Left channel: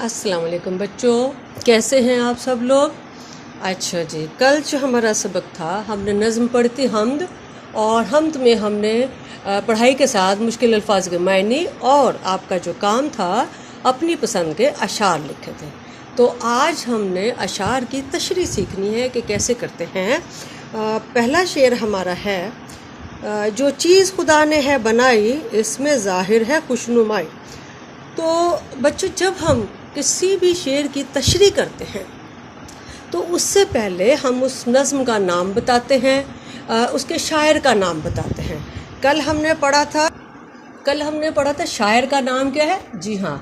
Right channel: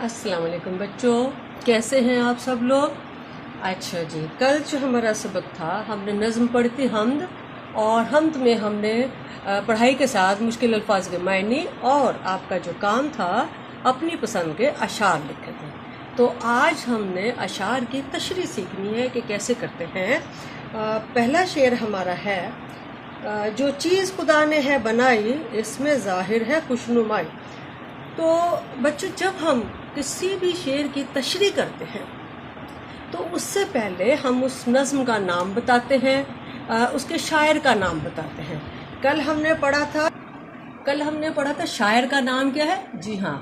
السلام علیکم بچوں، کیسے ہیں آپ سب لوگ؟ اچھا جی، کل جو ہمارا سبق تھا ہم نے نظم پڑھی تھی حمد، اور حمد میں ہم نے پڑھائی کے ساتھ مشکل الفاظ کے معنی اور آپ کا جو کام تھا اپنی پسند کے اشعار لکھے تھے۔ تو آج ہم نے اشعار کی تشریح سیکھنی ہے کہ کیسے کرتے ہیں۔ پہلا شعر ہمارا ہے، جو چیز خدا نے ہے بنائی اس میں ظاہر ہے خوشنمائی۔ تو بچوں، جب ہم کسی بھی شعر کی تشریح کرتے ہیں تو اس سے پہلے ہم اس نظم کا نام بتاتے ہیں، اس کے شاعر کا نام بتاتے ہیں۔ کل ہم نے پڑھا تھا شاعر کا نام کیا ہے؟ جی ہاں،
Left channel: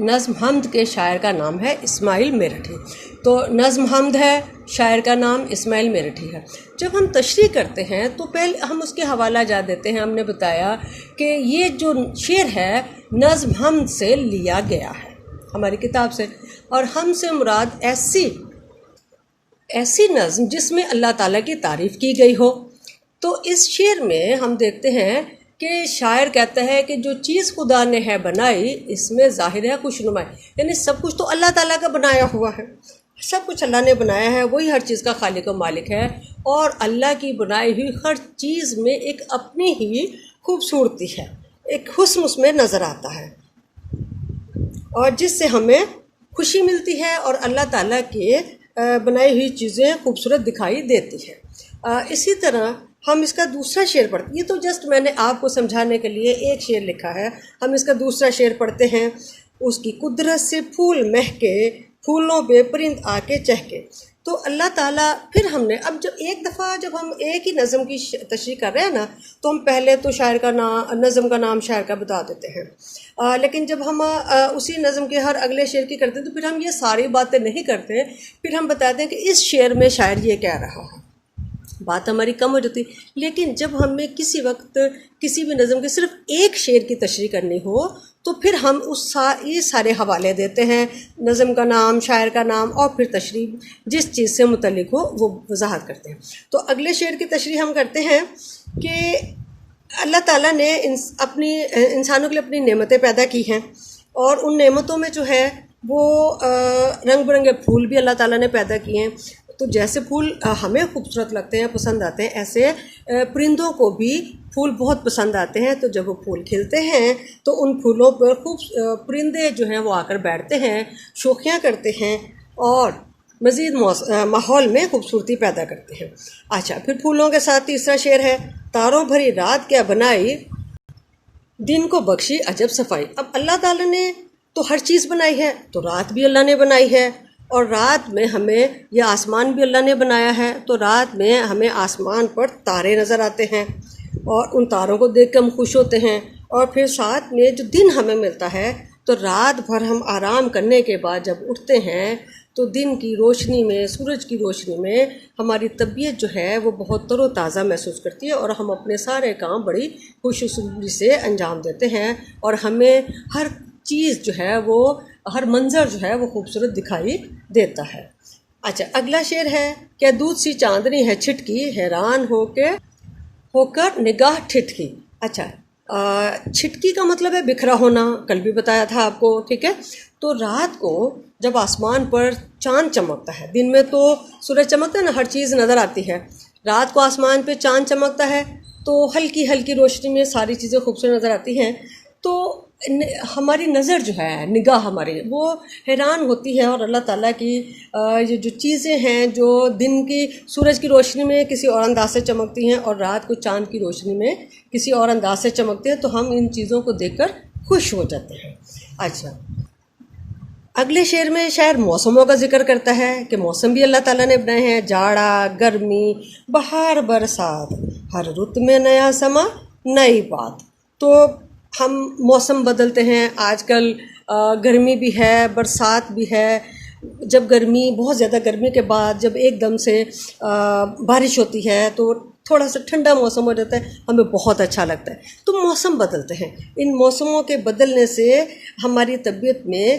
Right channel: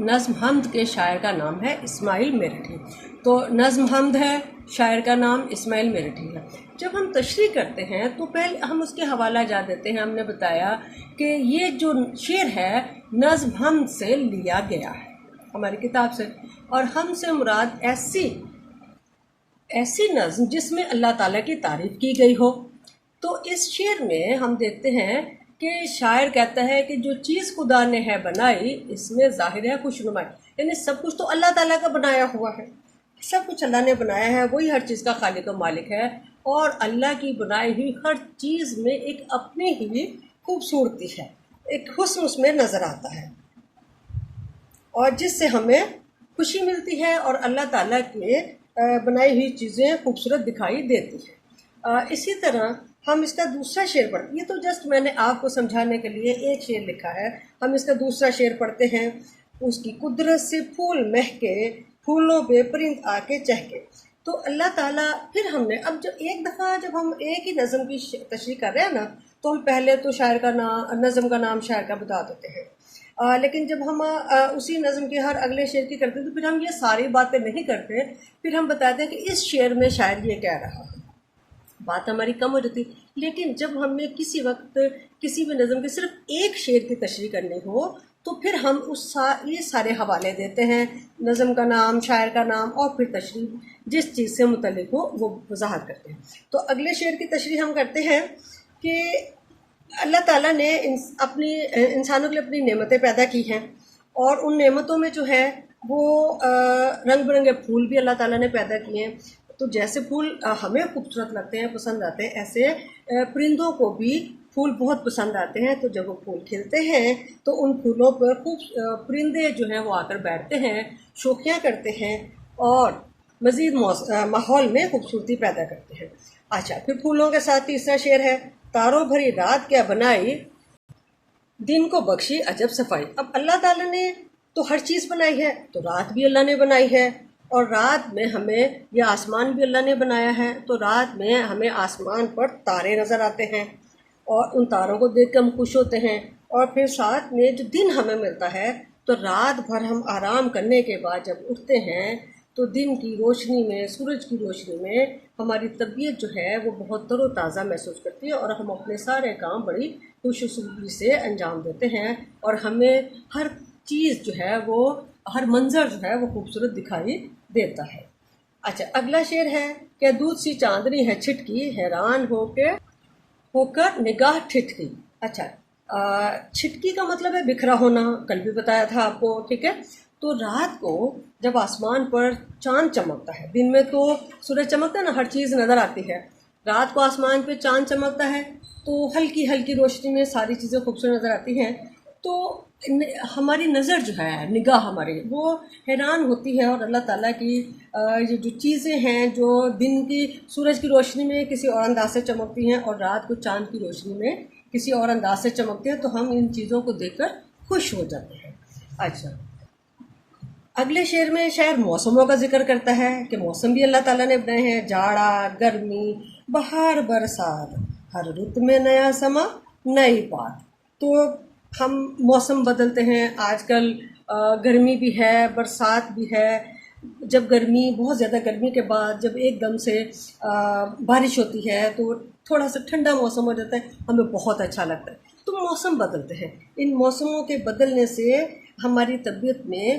نظم حمد کے شاعر کا نام ہے اسماعیل میرٹھی۔ تو نظم حمد ہے، شاعر کا نام اسماعیل میرٹھی ہے۔ جب ہم تشریح کرتے ہیں تو پہلے ہم اس کے حوالہ جات دیتے ہیں۔ ہم نے بتایا کہ یہ جو شعر ہے نظم حمد سے لیا گیا ہے، ہماری کتاب سے، اور ہم سے مراد ایسی نظم جس میں اللہ تعالیٰ کی تعریف کی گئی ہو۔ تو اس شعر میں ہم دیکھتے ہیں کہ شاعر کہتا ہے کہ جو چیز خدا نے ہے بنائی اس میں ظاہر ہے خوشنمائی، یعنی سب کچھ تو اللہ تعالیٰ کا بنایا ہوا ہے، سب کچھ اللہ نے بنایا ہے، وہی ہر چیز کا خالق و مالک ہے، اور اللہ کی بنائی ہوئی ہر چیز میں ایک اپنی ہی خوبصورتی ہے، ایک حسن اس میں نظر آتا ہے، اور جس سے ہمیں خوشی ملتی ہے اور اللہ تعالیٰ کے بنائی ہوئی چیزیں خوبصورت دکھائی دیتی ہیں۔ اسی طرح ہم اس کا دوسرا شعر پڑھتے ہیں۔ یہ تو جسٹ میں نے آپ کو سمجھانے کے لیے ایک شعر لکھا ہے، ہم اس کا دوسرا شعر پڑھتے ہیں۔ اس کی قدرت سے پھول مہکے، پھولوں پہ پرند آ کے چہکے۔ تو اللہ تعالیٰ، پھر ہم نے اب ایک دفعہ جب ہم ایک ہی نظم کی تشریح کر رہے ہیں نا، تو ہم پہلے تو شاعر کا نام، نظم کا نام شاعر کا بتا دیتے ہیں، لیکن جب ہم اسی نظم کے ہر اگلے شعر کی کرتے ہیں تو پھر ہم یہ ساری باتیں نہیں کرتے، پھر ہم بتاتے ہیں کہ اس شعر میں شاعر یہ کہہ رہا ہے، بات ہماری کم ہو جاتی۔ لیکن جب ہمیں کسی وقت کسی بھی نظم کے صرف ایک شعر کی تشریح کرنی ہو تو پھر ہم یہ سارے حوالے دیتے ہیں، نظم کا نام، شاعر کا نام، اور پھر تشریح جس چیز سے متعلق ہو وہ وضاحت کرتے ہیں۔ تو اگلے شعر کی تشریح ہم کرتے ہیں کہ اللہ تعالیٰ نے انسانوں کے لیے اپنی نعمتیں پیدا کی ہیں، اور ان نعمتوں میں جو ہے وہ رنگ برنگے پھول بھی اللہ تعالیٰ نے پیدا کیے ہیں۔ تو جیسے پھول ہمیں خوبصورت لگتے ہیں، پسند آتے ہیں، ایسے پرندوں کو بھی پھول بہت پسند آتے ہیں۔ تو جب وہ پھول کھلتے ہیں تو ان پھولوں پر پرندے جو ہیں وہ آ کر بیٹھتے ہیں، شوخیاں کرتے ہیں، اور مزید ماحول میں خوبصورتی پیدا کرتے ہیں۔ اچھا، پھر پھولوں کے ساتھ تیسرا شعر ہے، تاروں بھری رات کیا بنائی، دن کو بخشی عجب صفائی۔ اب اللہ تعالیٰ نے تو ہر چیز بنائی ہے، تو رات بھی اللہ نے بنائی ہے، اور رات میں ہمیں یہ آسمان بھی اللہ نے بنایا ہے، تو رات میں ہمیں آسمان پر تارے نظر آتے ہیں، اور ان تاروں کو دیکھ کے ہم خوش ہوتے ہیں۔ اور پھر ساتھ میں جو دن ہمیں ملتا ہے، تو رات بھر ہم آرام کرنے کے بعد جب اٹھتے ہیں تو دن کی روشنی میں، سورج کی روشنی میں ہماری طبیعت جو ہے وہ بہت تر و تازہ محسوس کرتی ہے، اور ہم اپنے سارے کام بڑی خوش اسلوبی سے انجام دیتے ہیں، اور ہمیں ہر چیز جو ہے وہ، ہر منظر جو ہے وہ خوبصورت دکھائی دیتا ہے۔ اچھا، اگلا شعر ہے، کیا دودھ سی چاندنی ہے چھٹکی، حیران ہو کر نگاہ ٹھٹکی۔ اچھا، چھٹکی کا مطلب ہے بکھرا ہونا، کل بھی بتایا تھا آپ کو، ٹھیک ہے۔ تو رات کو جب آسمان پر چاند چمکتا ہے، دن میں تو سورج چمکتا ہے نا، ہر چیز نظر آتی ہے، رات کو آسمان پہ چاند چمکتا ہے تو ہلکی ہلکی روشنی میں ساری چیزیں خوبصورت نظر آتی ہیں، تو ہماری نظر جو ہے، نگاہ ہماری، وہ حیران ہوتی ہے، اور اللہ تعالیٰ کی یہ جو چیزیں ہیں جو دن کی سورج کی روشنی میں کسی اور انداز سے چمکتی ہیں اور رات کو چاند کی روشنی میں کسی اور انداز سے چمکتی ہیں، تو ہم ان چیزوں کو دیکھ کر خوش ہو جاتے ہیں۔ اچھا، اگلے شعر میں شاعر موسموں کا ذکر کرتا ہے کہ موسم بھی اللہ تعالیٰ نے بنائے ہیں، جاڑا، گرمی، بہار، برسات، ہر رت میں نیا سما، نئی بات۔ تو ہم موسم بدلتے ہیں، آج کل گرمی بھی ہے، برسات بھی ہے۔ جب بہت زیادہ گرمی کے بعد جب ایک دم سے بارش ہوتی ہے تو تھوڑا سا ٹھنڈا موسم ہو جاتا ہے، ہمیں بہت اچھا لگتا ہے۔ تو موسم بدلتے ہیں، ان موسموں کے بدلنے سے ہماری طبیعت میں